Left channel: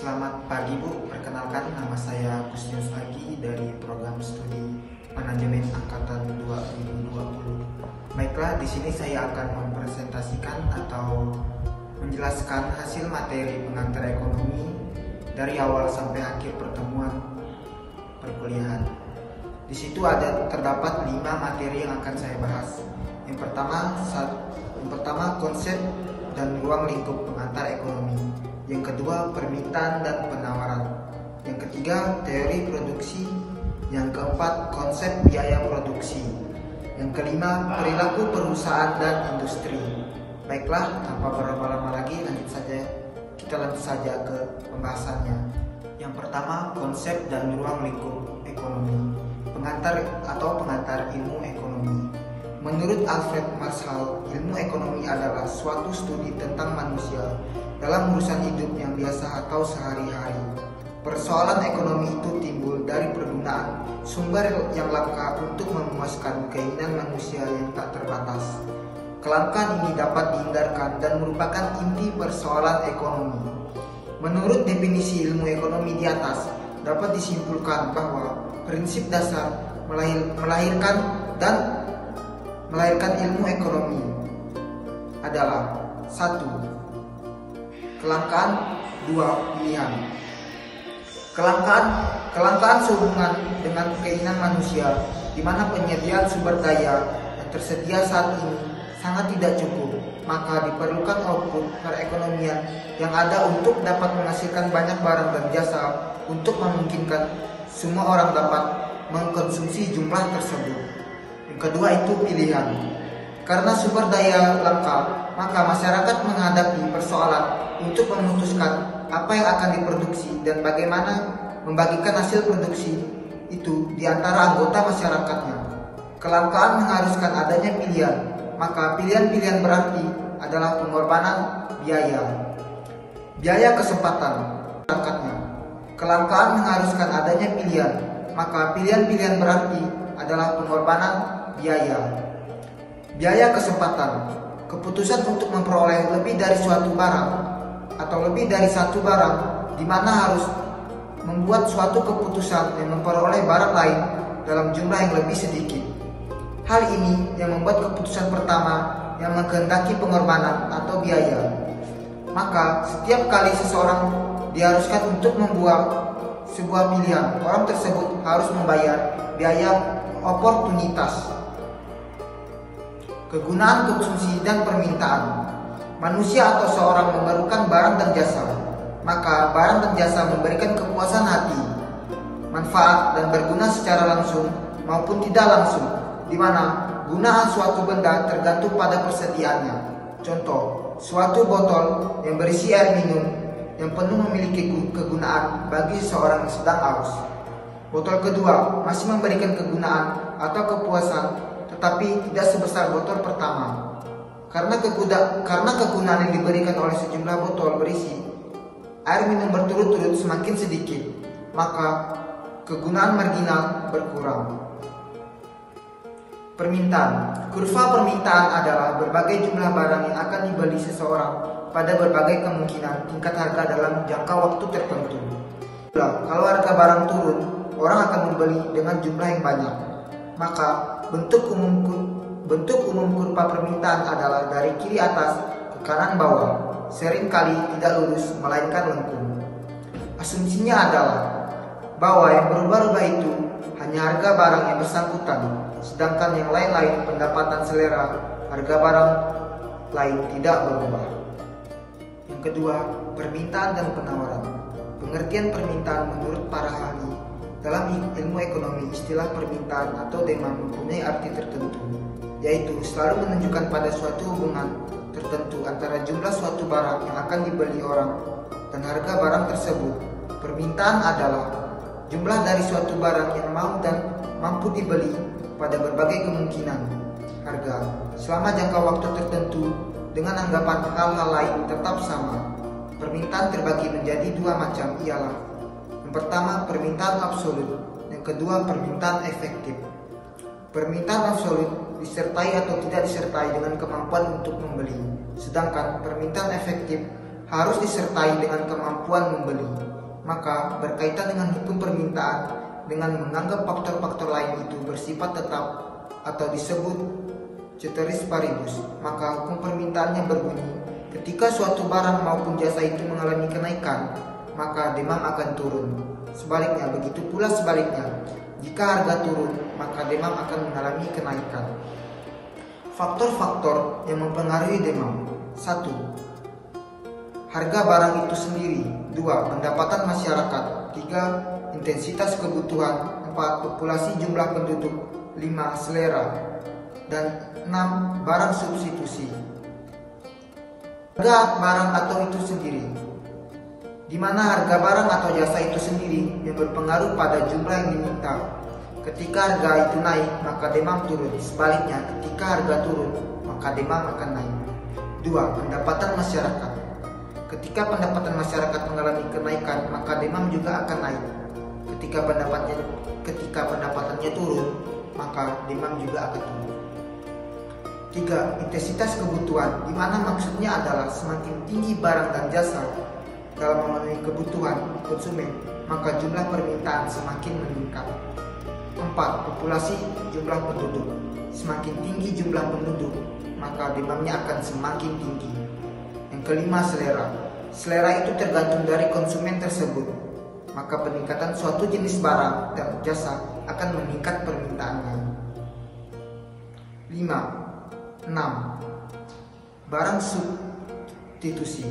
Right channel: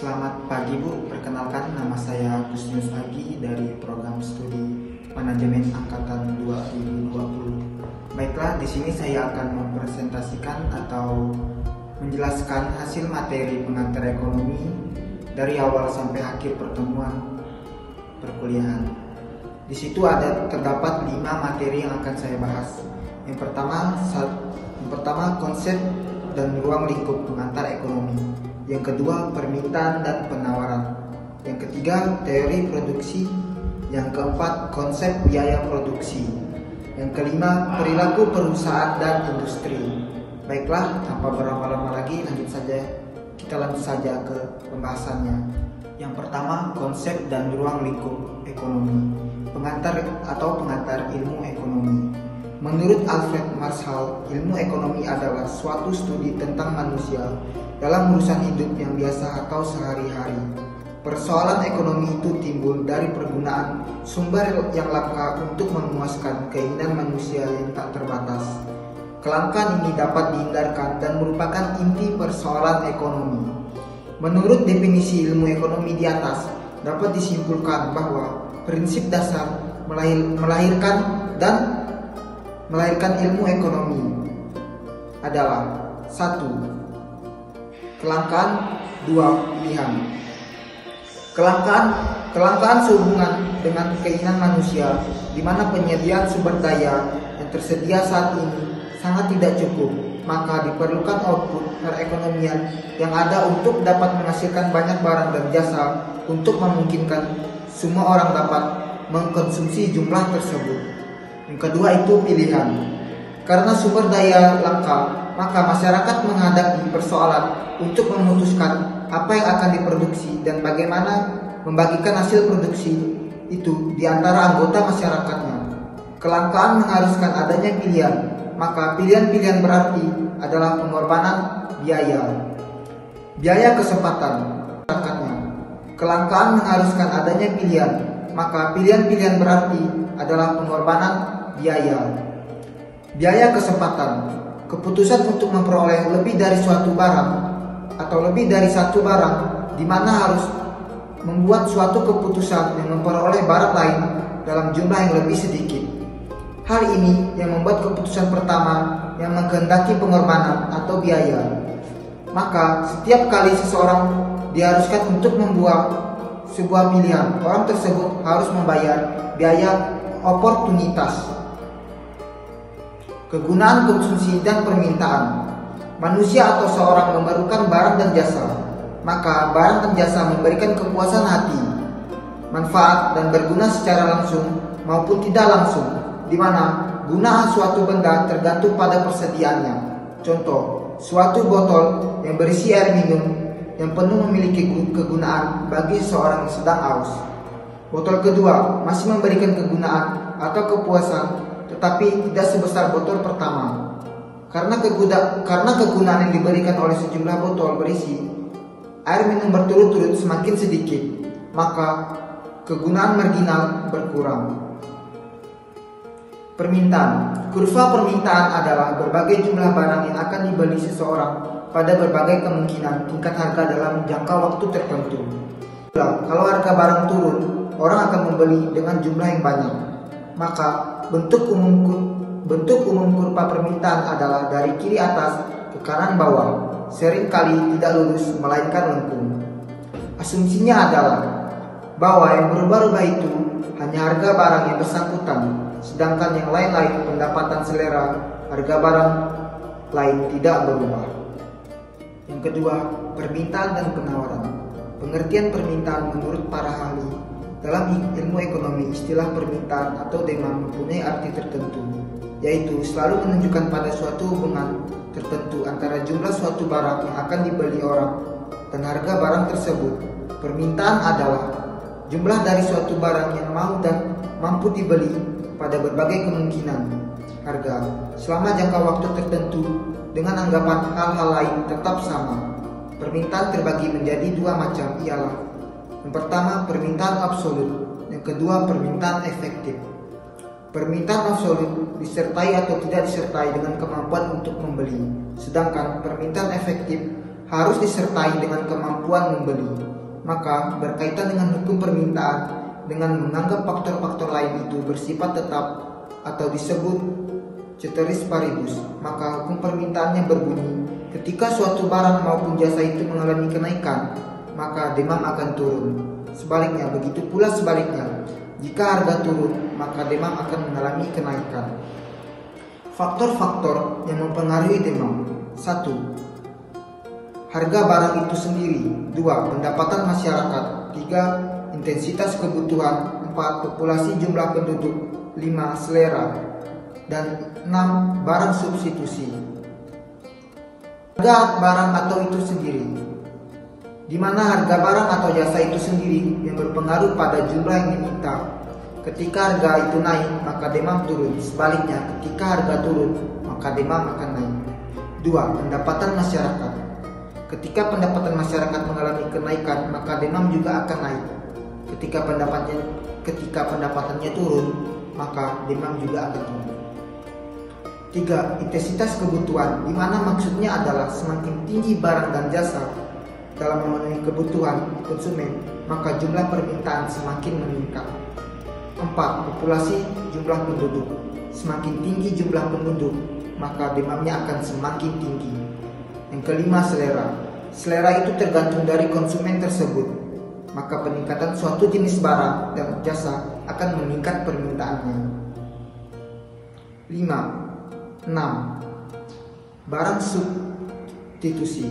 Selamat pagi Bu, perkenalkan nama saya Gusnius Agi dari program studi manajemen angkatan 2020. Baiklah, di sini saya akan mempresentasikan atau menjelaskan hasil materi pengantar ekonomi dari awal sampai akhir pertemuan perkuliahan. Di situ terdapat 5 materi yang akan saya bahas. Yang pertama konsep dan ruang lingkup pengantar ekonomi. Yang kedua, permintaan dan penawaran. Yang ketiga, teori produksi. Yang keempat, konsep biaya produksi. Yang kelima, perilaku perusahaan dan industri. Baiklah, tanpa berlama-lama lagi, kita lanjut saja ke pembahasannya. Yang pertama, konsep dan ruang lingkup ekonomi. Pengantar ilmu ekonomi. Menurut Alfred Marshall, ilmu ekonomi adalah suatu studi tentang manusia dalam urusan hidup yang biasa atau sehari-hari. Persoalan ekonomi itu timbul dari pergunaan sumber yang langka untuk memuaskan keinginan manusia yang tak terbatas. Kelangkaan ini dapat dihindarkan dan merupakan inti persoalan ekonomi. Menurut definisi ilmu ekonomi di atas, dapat disimpulkan bahwa prinsip dasar melahirkan ilmu ekonomi adalah 1. Kelangkaan, 2. Pilihan. Kelangkaan sehubungan dengan keinginan manusia, di mana penyediaan sumber daya yang tersedia saat ini sangat tidak cukup, maka diperlukan output perekonomian yang ada untuk dapat menghasilkan banyak barang dan jasa untuk memungkinkan semua orang dapat mengkonsumsi jumlah tersebut. Yang kedua itu pilihan. Karena sumber daya langka, maka masyarakat menghadapi persoalan untuk memutuskan apa yang akan diproduksi dan bagaimana membagikan hasil produksi itu di antara anggota masyarakatnya. Kelangkaan mengharuskan adanya pilihan, maka pilihan-pilihan berarti adalah pengorbanan biaya kesempatan masyarakatnya. Kelangkaan mengharuskan adanya pilihan, maka pilihan-pilihan berarti adalah pengorbanan biaya kesempatan. Keputusan untuk memperoleh lebih dari suatu barang atau lebih dari satu barang, di mana harus membuat suatu keputusan yang memperoleh barang lain dalam jumlah yang lebih sedikit. Hal ini yang membuat keputusan pertama yang menghendaki pengorbanan atau biaya. Maka setiap kali seseorang diharuskan untuk membuat sebuah pilihan, orang tersebut harus membayar biaya oportunitas. Kegunaan konsumsi dan permintaan. Manusia atau seorang memerlukan barang dan jasa, maka barang dan jasa memberikan kepuasan hati, manfaat dan berguna secara langsung maupun tidak langsung, di mana guna suatu benda tergantung pada persediaannya. Contoh, suatu botol yang berisi air minum yang penuh memiliki kegunaan bagi seorang yang sedang haus. Botol kedua masih memberikan kegunaan atau kepuasan, tetapi tidak sebesar botol pertama. Karena kegunaan yang diberikan oleh sejumlah botol berisi air minum berturut-turut semakin sedikit, maka kegunaan marginal berkurang. Permintaan. Kurva permintaan adalah berbagai jumlah barang yang akan dibeli seseorang pada berbagai kemungkinan tingkat harga dalam jangka waktu tertentu. Kalau harga barang turun, orang akan membeli dengan jumlah yang banyak. Maka bentuk umum kurva permintaan adalah dari kiri atas ke kanan bawah, seringkali tidak lurus melainkan lengkung. Asumsinya adalah bahwa yang berubah-ubah itu hanya harga barang yang bersangkutan, sedangkan yang lain-lain pendapatan selera harga barang lain tidak berubah. Yang kedua, permintaan dan penawaran. Pengertian permintaan menurut para ahli dalam ilmu ekonomi, istilah permintaan atau demand mempunyai arti tertentu, yaitu selalu menunjukkan pada suatu hubungan tertentu antara jumlah suatu barang yang akan dibeli orang dan harga barang tersebut. Permintaan adalah jumlah dari suatu barang yang mau dan mampu dibeli pada berbagai kemungkinan harga selama jangka waktu tertentu dengan anggapan hal-hal lain tetap sama. Permintaan terbagi menjadi 2 macam, ialah yang pertama permintaan absolut, yang kedua permintaan efektif. Permintaan absolut disertai atau tidak disertai dengan kemampuan untuk membeli, sedangkan permintaan efektif harus disertai dengan kemampuan membeli. Maka berkaitan dengan hukum permintaan dengan menganggap faktor-faktor lain itu bersifat tetap atau disebut ceteris paribus, maka hukum permintaannya berbunyi, ketika suatu barang maupun jasa itu mengalami kenaikan, maka demand akan turun. Sebaliknya, begitu pula sebaliknya, jika harga turun, maka demand akan mengalami kenaikan. Faktor-faktor yang mempengaruhi demand: 1. Harga barang itu sendiri. 2. Pendapatan masyarakat. 3. Intensitas kebutuhan. 4. Populasi jumlah penduduk. 5. Selera. Dan 6. Barang substitusi. Harga barang atau itu sendiri, di mana harga barang atau jasa itu sendiri yang berpengaruh pada jumlah yang diminta. Ketika harga itu naik, maka demand turun. Sebaliknya, ketika harga turun, maka demand akan naik. 2. Pendapatan masyarakat. Ketika pendapatan masyarakat mengalami kenaikan, maka demand juga akan naik. Ketika pendapatannya turun, maka demand juga akan turun. 3. Intensitas kebutuhan, di mana maksudnya adalah semakin tinggi barang dan jasa dalam memenuhi kebutuhan konsumen, maka jumlah permintaan semakin meningkat. 4. Populasi jumlah penduduk. Semakin tinggi jumlah penduduk, maka demandnya akan semakin tinggi. Yang kelima, selera. Selera itu tergantung dari konsumen tersebut, maka peningkatan suatu jenis barang dan jasa akan meningkat permintaannya. 6. Barang substitusi.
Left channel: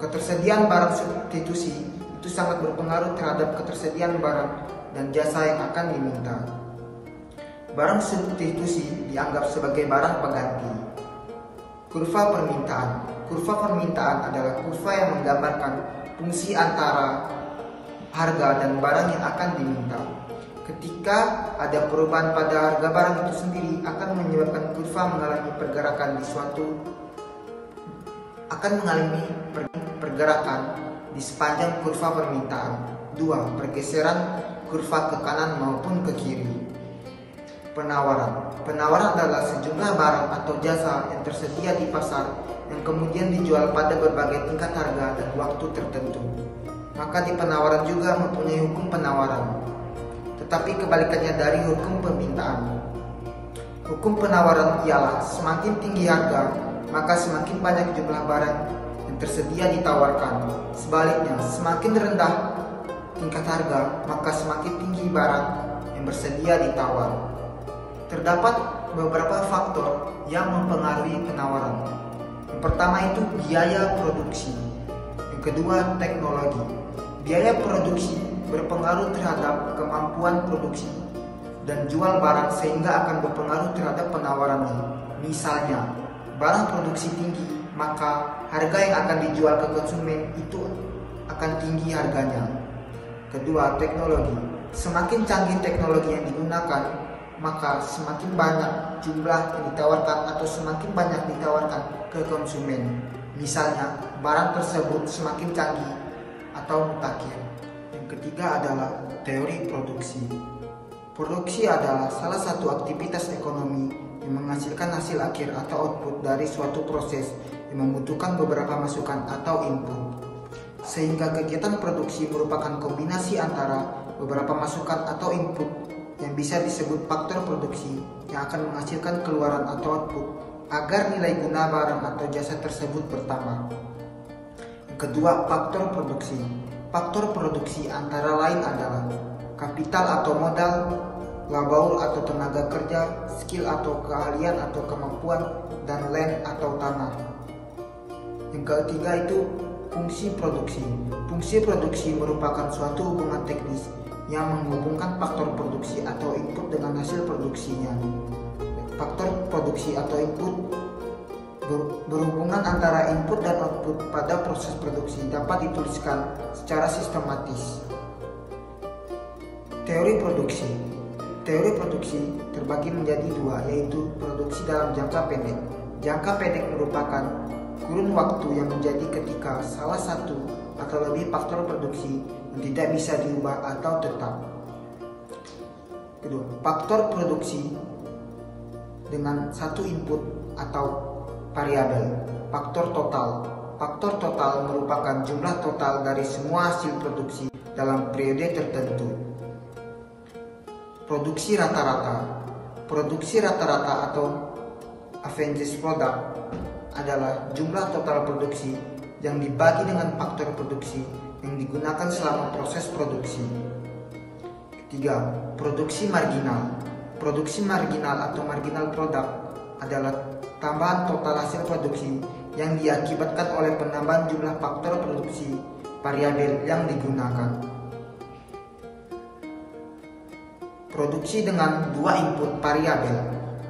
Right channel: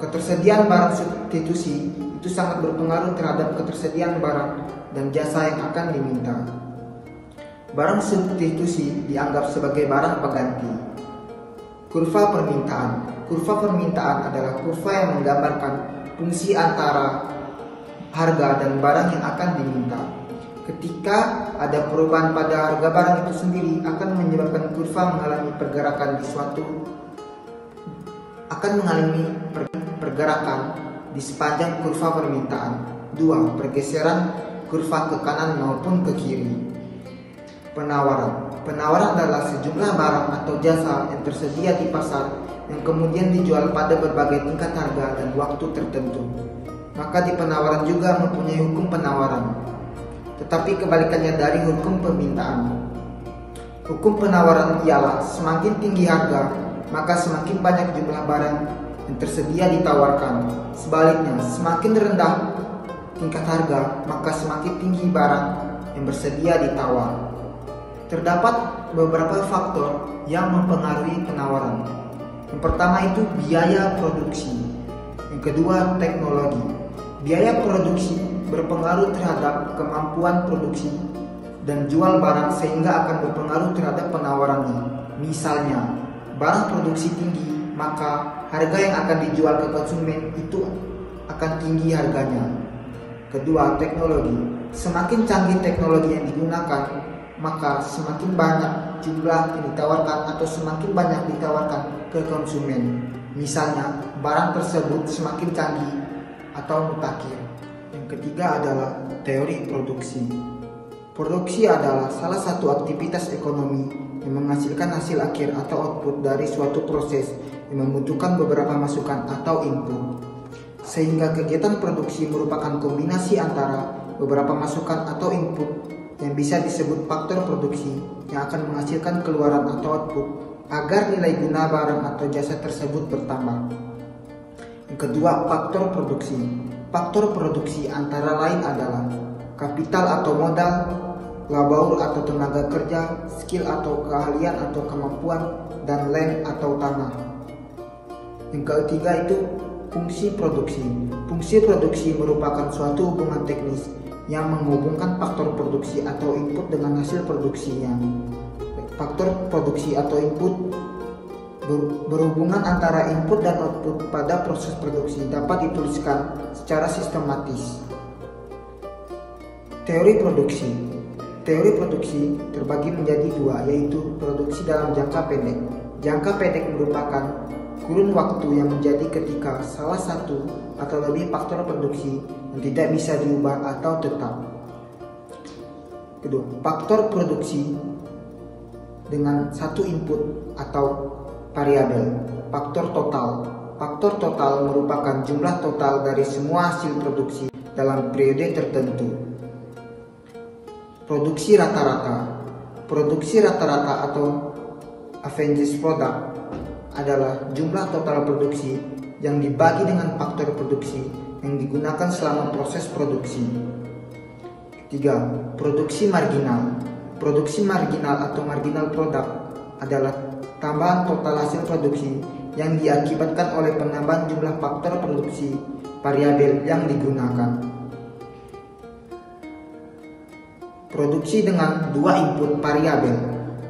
Ketersediaan barang substitusi itu sangat berpengaruh terhadap ketersediaan barang dan jasa yang akan diminta. Barang substitusi dianggap sebagai barang pengganti. Kurva permintaan. Kurva permintaan adalah kurva yang menggambarkan fungsi antara harga dan barang yang akan diminta. Ketika ada perubahan pada harga barang itu sendiri, akan menyebabkan kurva mengalami pergerakan di sepanjang kurva permintaan. 2. Pergeseran kurva ke kanan maupun ke kiri. Penawaran. Penawaran adalah sejumlah barang atau jasa yang tersedia di pasar yang kemudian dijual pada berbagai tingkat harga dan waktu tertentu. Maka di penawaran juga mempunyai hukum penawaran, tetapi kebalikannya dari hukum permintaan. Hukum penawaran ialah semakin tinggi harga, maka semakin banyak jumlah barang yang tersedia ditawarkan. Sebaliknya, semakin rendah tingkat harga, maka semakin tinggi barang yang bersedia ditawar. Terdapat beberapa faktor yang mempengaruhi penawaran. Yang pertama itu biaya produksi. Yang kedua, teknologi. Biaya produksi berpengaruh terhadap kemampuan produksi dan jual barang sehingga akan berpengaruh terhadap penawarannya. Misalnya, barang produksi tinggi, maka harga yang akan dijual ke konsumen itu akan tinggi harganya. Kedua, teknologi. Semakin canggih teknologi yang digunakan, maka semakin banyak jumlah yang ditawarkan atau semakin banyak ditawarkan ke konsumen. Misalnya, barang tersebut semakin canggih atau mutakhir. Yang ketiga adalah teori produksi. Produksi adalah salah satu aktivitas ekonomi yang menghasilkan hasil akhir atau output dari suatu proses yang membutuhkan beberapa masukan atau input. Sehingga kegiatan produksi merupakan kombinasi antara beberapa masukan atau input yang bisa disebut faktor produksi yang akan menghasilkan keluaran atau output agar nilai guna barang atau jasa tersebut bertambah. Yang kedua, faktor produksi. Faktor produksi antara lain adalah kapital atau modal, labour atau tenaga kerja, skill atau keahlian atau kemampuan, dan land atau tanah. Yang ketiga itu fungsi produksi. Fungsi produksi merupakan suatu hubungan teknis yang menghubungkan faktor produksi atau input dengan hasil produksinya. Faktor produksi atau input berhubungan antara input dan output pada proses produksi dapat dituliskan secara sistematis. Teori produksi. Teori produksi terbagi menjadi dua, yaitu produksi dalam jangka pendek. Jangka pendek merupakan kurun waktu yang menjadi ketika salah satu atau lebih faktor produksi yang tidak bisa diubah atau tetap. Kedua, faktor produksi dengan satu input atau variabel. Faktor total. faktor total merupakan jumlah total dari semua hasil produksi dalam periode tertentu. Produksi rata-rata. Produksi rata-rata atau average product adalah jumlah total produksi yang dibagi dengan faktor produksi yang digunakan selama proses produksi. Ketiga, produksi marginal. Produksi marginal atau marginal product adalah tambahan total hasil produksi yang diakibatkan oleh penambahan jumlah faktor produksi variabel yang digunakan. Produksi dengan dua input variabel.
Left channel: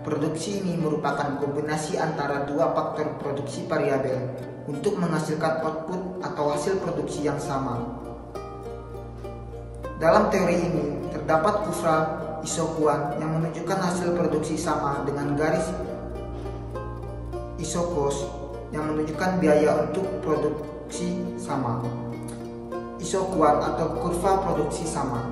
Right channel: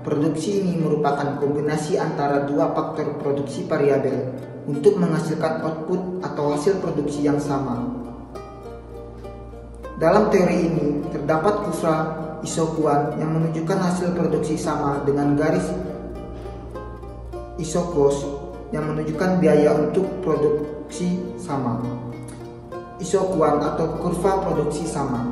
Produksi ini merupakan kombinasi antara dua faktor produksi variabel untuk menghasilkan output atau hasil produksi yang sama. Dalam teori ini terdapat kurva isokuan yang menunjukkan hasil produksi sama dengan garis isokos yang menunjukkan biaya untuk produksi sama. Isokuan atau kurva produksi sama.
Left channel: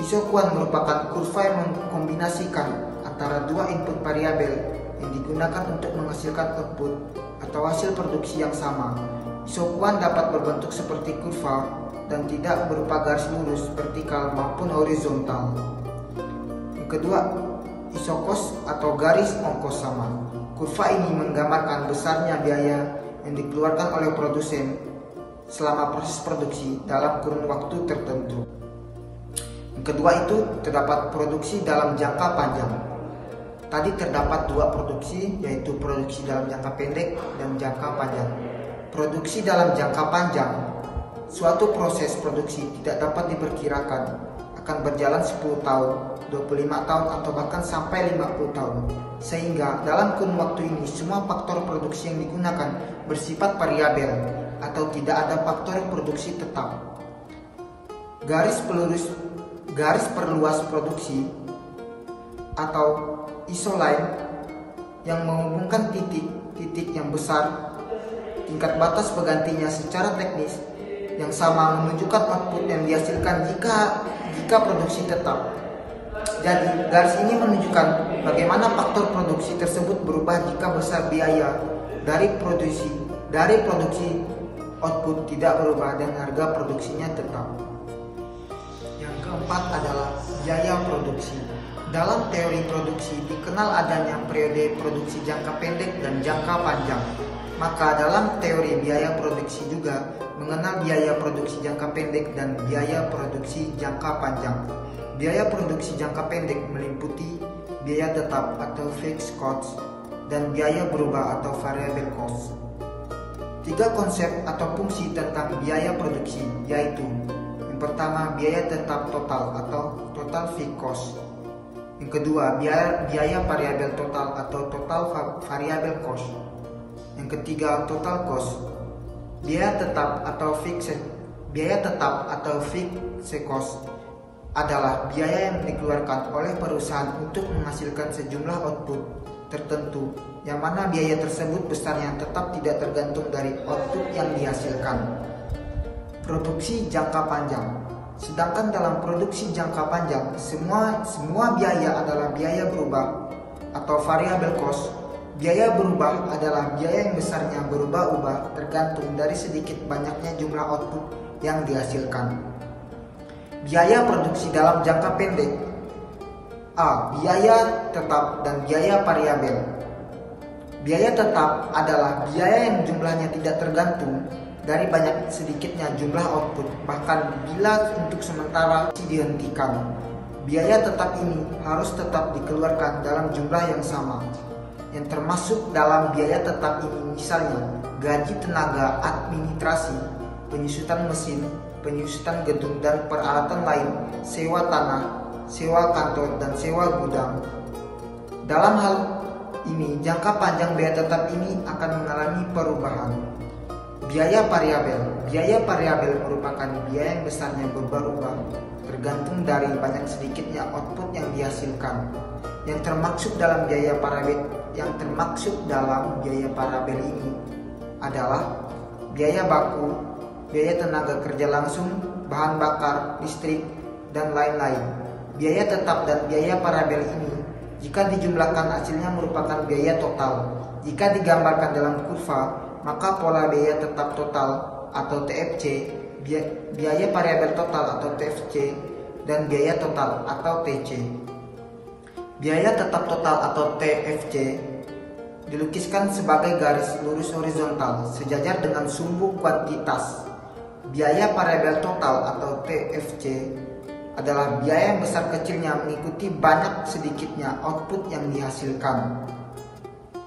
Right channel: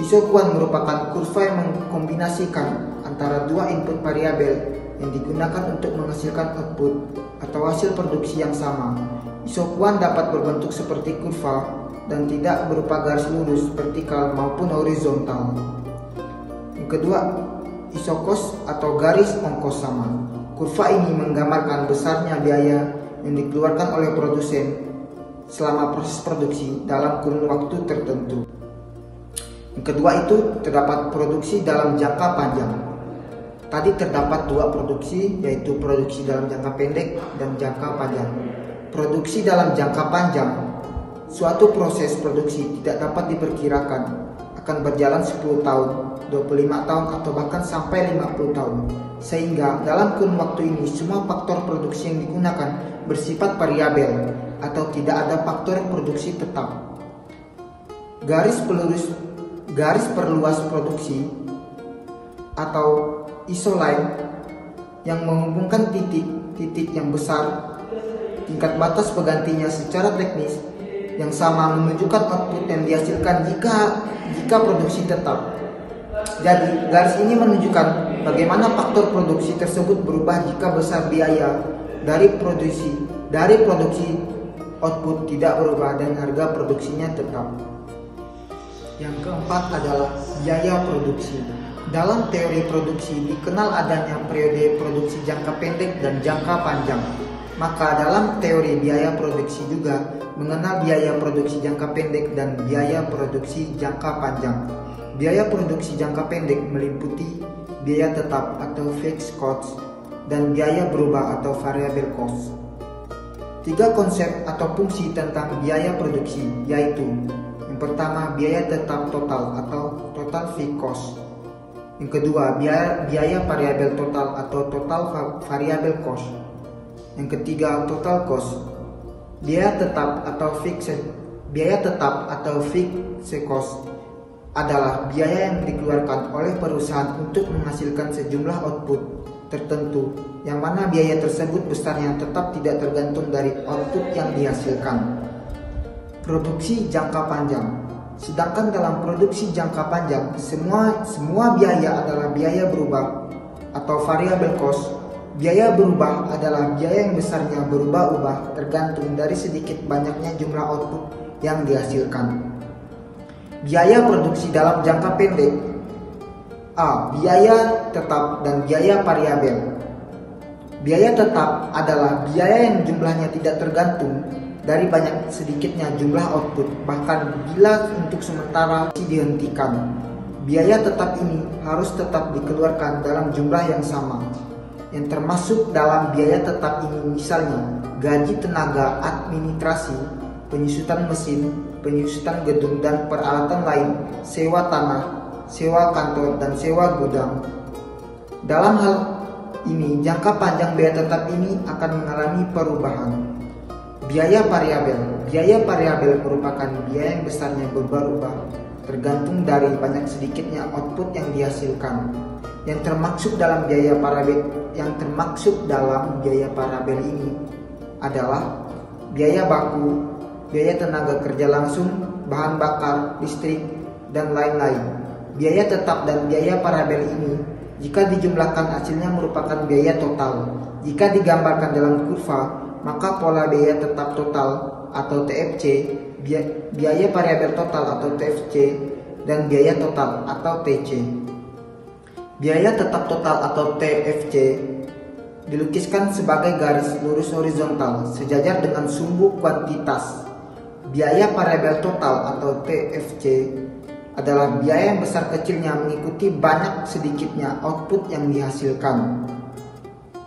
Isokuan merupakan kurva yang mengkombinasikan antara dua input variabel yang digunakan untuk menghasilkan output atau hasil produksi yang sama. Isokuan dapat berbentuk seperti kurva dan tidak berupa garis lurus vertikal maupun horizontal. Yang kedua, isokos atau garis ongkos sama. Kurva ini menggambarkan besarnya biaya yang dikeluarkan oleh produsen selama proses produksi dalam kurun waktu tertentu. Yang kedua itu terdapat produksi dalam jangka panjang. Tadi terdapat dua produksi, yaitu produksi dalam jangka pendek dan jangka panjang. Produksi dalam jangka panjang, suatu proses produksi tidak dapat diperkirakan akan berjalan 10 tahun, 25 tahun atau bahkan sampai 50 tahun. Sehingga dalam kurun waktu ini semua faktor produksi yang digunakan bersifat variabel atau tidak ada faktor produksi tetap. Garis perluas produksi atau isoline yang menghubungkan titik-titik yang besar, tingkat batas penggantinya secara teknis yang sama menunjukkan output yang dihasilkan jika produksi tetap. Jadi garis ini menunjukkan bagaimana faktor produksi tersebut berubah jika besar biaya dari produksi output tidak berubah dan harga produksinya tetap. Yang keempat adalah biaya produksi. Dalam teori produksi dikenal adanya periode produksi jangka pendek dan jangka panjang. Maka dalam teori biaya produksi juga mengenal biaya produksi jangka pendek dan biaya produksi jangka panjang. Biaya produksi jangka pendek meliputi biaya tetap atau fixed cost dan biaya berubah atau variable cost. Tiga konsep atau fungsi tentang biaya produksi yaitu: yang pertama, biaya tetap total atau total fixed cost. Yang kedua, biaya variabel total atau total variable cost. Yang ketiga, total cost. Biaya tetap atau fixed cost adalah biaya yang dikeluarkan oleh perusahaan untuk menghasilkan sejumlah output tertentu, yang mana biaya tersebut besarnya tetap tidak tergantung dari output yang dihasilkan. Produksi jangka panjang. Sedangkan dalam produksi jangka panjang, semua biaya adalah biaya berubah atau variable cost. Biaya berubah adalah biaya yang besarnya berubah-ubah tergantung dari sedikit banyaknya jumlah output yang dihasilkan. Biaya produksi dalam jangka pendek. A. Biaya tetap dan biaya variabel. Biaya tetap adalah biaya yang jumlahnya tidak tergantung dari banyak sedikitnya jumlah output, bahkan bila untuk sementara dihentikan. Biaya tetap ini harus tetap dikeluarkan dalam jumlah yang sama. Yang termasuk dalam biaya tetap ini misalnya gaji tenaga administrasi, penyusutan mesin, penyusutan gedung dan peralatan lain, sewa tanah, sewa kantor, dan sewa gudang. Dalam hal ini, jangka panjang biaya tetap ini akan mengalami perubahan. Biaya variabel merupakan biaya yang besarnya berubah-ubah tergantung dari banyak sedikitnya output yang dihasilkan. Yang termaksud dalam biaya variabel ini adalah biaya baku, biaya tenaga kerja langsung, bahan bakar, listrik, dan lain-lain. Biaya tetap dan biaya variabel ini jika dijumlahkan hasilnya merupakan biaya total. Jika digambarkan dalam kurva, maka pola biaya tetap total atau TFC, biaya variabel total atau TFC, dan biaya total atau TC. Biaya tetap total atau TFC dilukiskan sebagai garis lurus horizontal sejajar dengan sumbu kuantitas. Biaya variabel total atau TFC adalah biaya yang besar kecilnya mengikuti banyak sedikitnya output yang dihasilkan.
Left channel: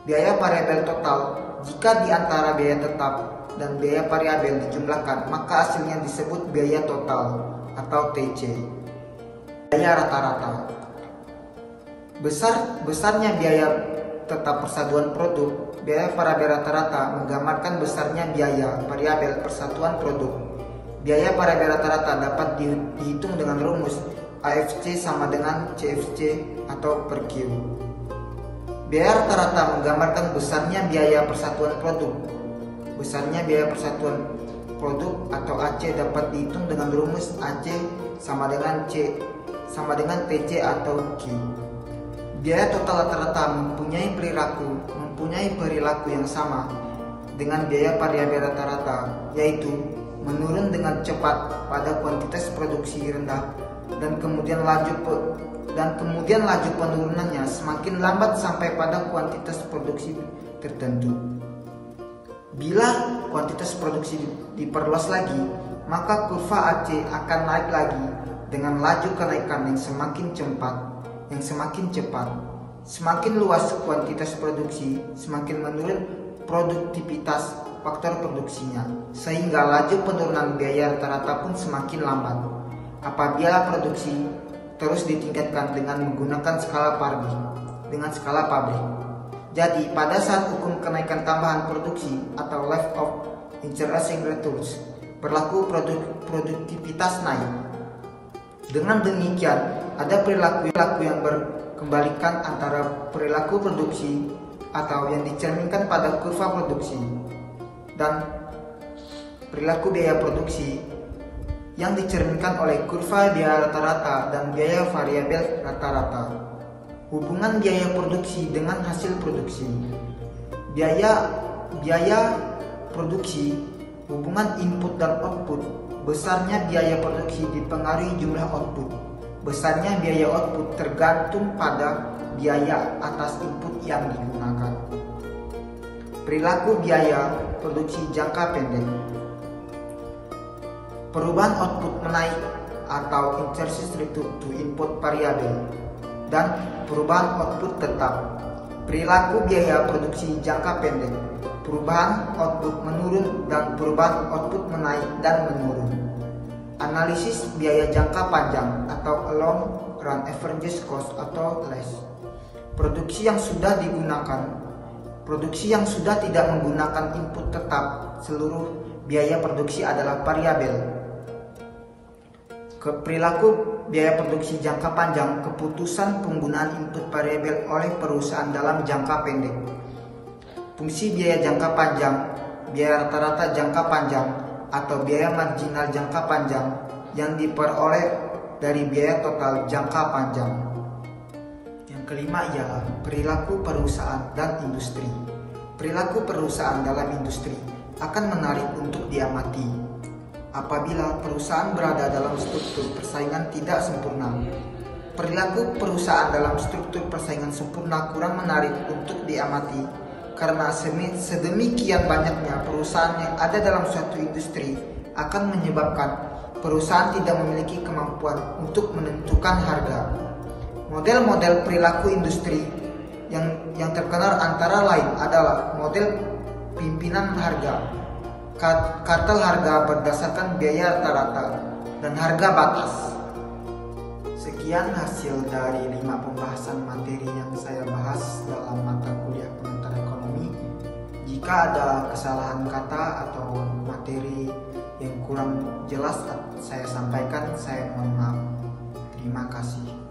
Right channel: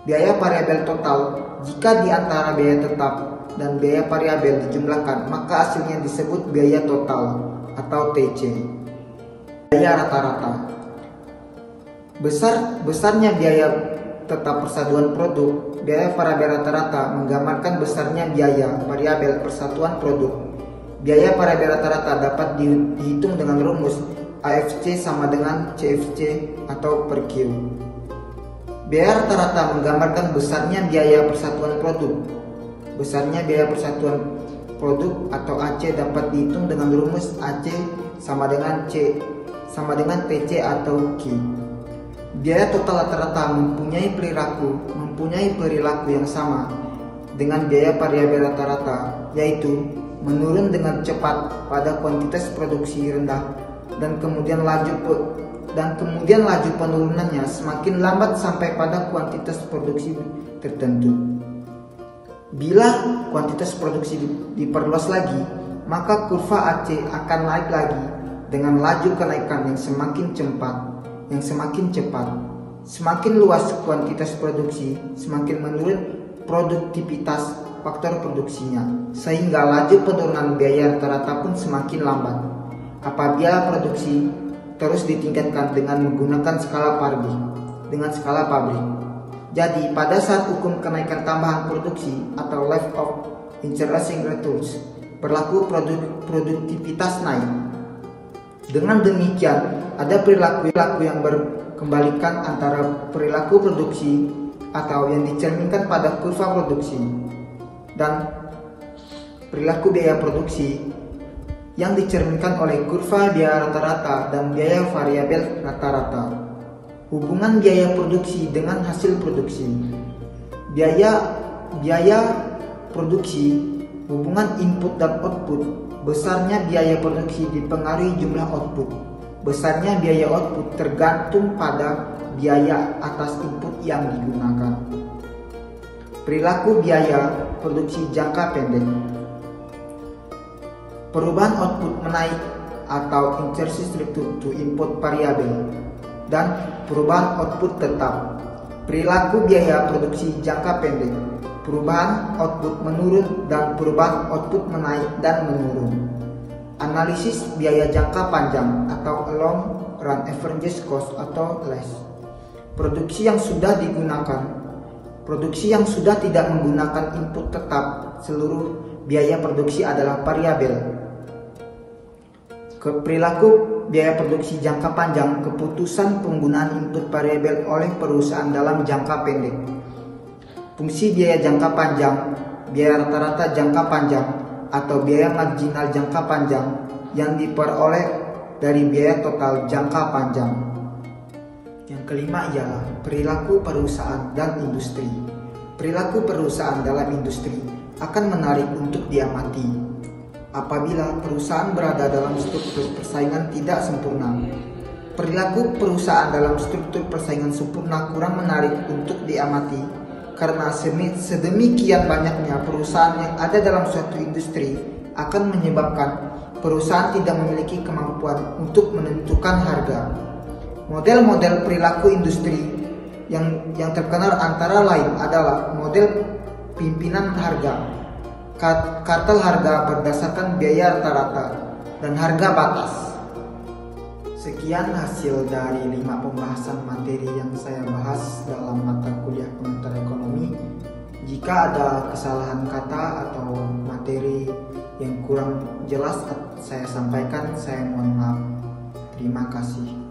Biaya variabel total, jika di antara biaya tetap dan biaya variabel dijumlahkan, maka hasilnya disebut biaya total atau TC. Biaya rata-rata. Besarnya biaya tetap persatuan produk, biaya variabel rata-rata menggambarkan besarnya biaya variabel persatuan produk. Biaya variabel rata-rata dapat dihitung dengan rumus AFC sama dengan CFC atau per Q. Biaya rata-rata menggambarkan besarnya biaya persatuan produk. Besarnya biaya persatuan produk atau AC dapat dihitung dengan rumus AC sama dengan TC atau Q. Biaya total rata-rata mempunyai perilaku yang sama dengan biaya variabel rata-rata, yaitu menurun dengan cepat pada kuantitas produksi rendah dan kemudian laju penurunannya semakin lambat sampai pada kuantitas produksi tertentu. Bila kuantitas produksi diperluas lagi, maka kurva AC akan naik lagi dengan laju kenaikan yang semakin cepat. Semakin luas kuantitas produksi, semakin menurun produktivitas faktor produksinya, sehingga laju penurunan biaya rata-rata pun semakin lambat. Apabila produksi terus ditingkatkan dengan menggunakan skala pabrik. Jadi pada saat hukum kenaikan tambahan produksi atau life of interesting returns berlaku, produktivitas naik. Dengan demikian, ada perilaku yang berkembalikan antara perilaku produksi atau yang dicerminkan pada kurva produksi dan perilaku biaya produksi yang dicerminkan oleh kurva biaya rata-rata dan biaya variabel rata-rata. Hubungan biaya produksi dengan hasil produksi. Biaya produksi, hubungan input dan output. Besarnya biaya produksi dipengaruhi jumlah output. Besarnya biaya output tergantung pada biaya atas input yang digunakan. Perilaku biaya produksi jangka pendek. Perubahan output menaik atau insertion to input variabel dan perubahan output tetap. Perilaku biaya produksi jangka pendek. Perubahan output menurun dan perubahan output menaik dan menurun. Analisis biaya jangka panjang atau long run average cost atau LAS. Produksi yang sudah tidak menggunakan input tetap, seluruh biaya produksi adalah variabel. Perilaku biaya produksi jangka panjang, keputusan penggunaan input variabel oleh perusahaan dalam jangka pendek. Fungsi biaya jangka panjang, biaya rata-rata jangka panjang, atau biaya marginal jangka panjang yang diperoleh dari biaya total jangka panjang. Yang kelima ialah perilaku perusahaan dan industri. Perilaku perusahaan dalam industri akan menarik untuk diamati. Apabila perusahaan berada dalam struktur persaingan tidak sempurna, perilaku perusahaan dalam struktur persaingan sempurna kurang menarik untuk diamati karena sedemikian banyaknya perusahaan yang ada dalam suatu industri akan menyebabkan perusahaan tidak memiliki kemampuan untuk menentukan harga. Model-model perilaku industri yang terkenal antara lain adalah model pimpinan harga, kartel harga berdasarkan biaya rata-rata, dan harga batas. Sekian hasil dari 5 pembahasan materi yang saya bahas dalam mata kuliah pengantar ekonomi. Jika ada kesalahan kata atau materi yang kurang jelas saya sampaikan, saya mohon maaf. Terima kasih.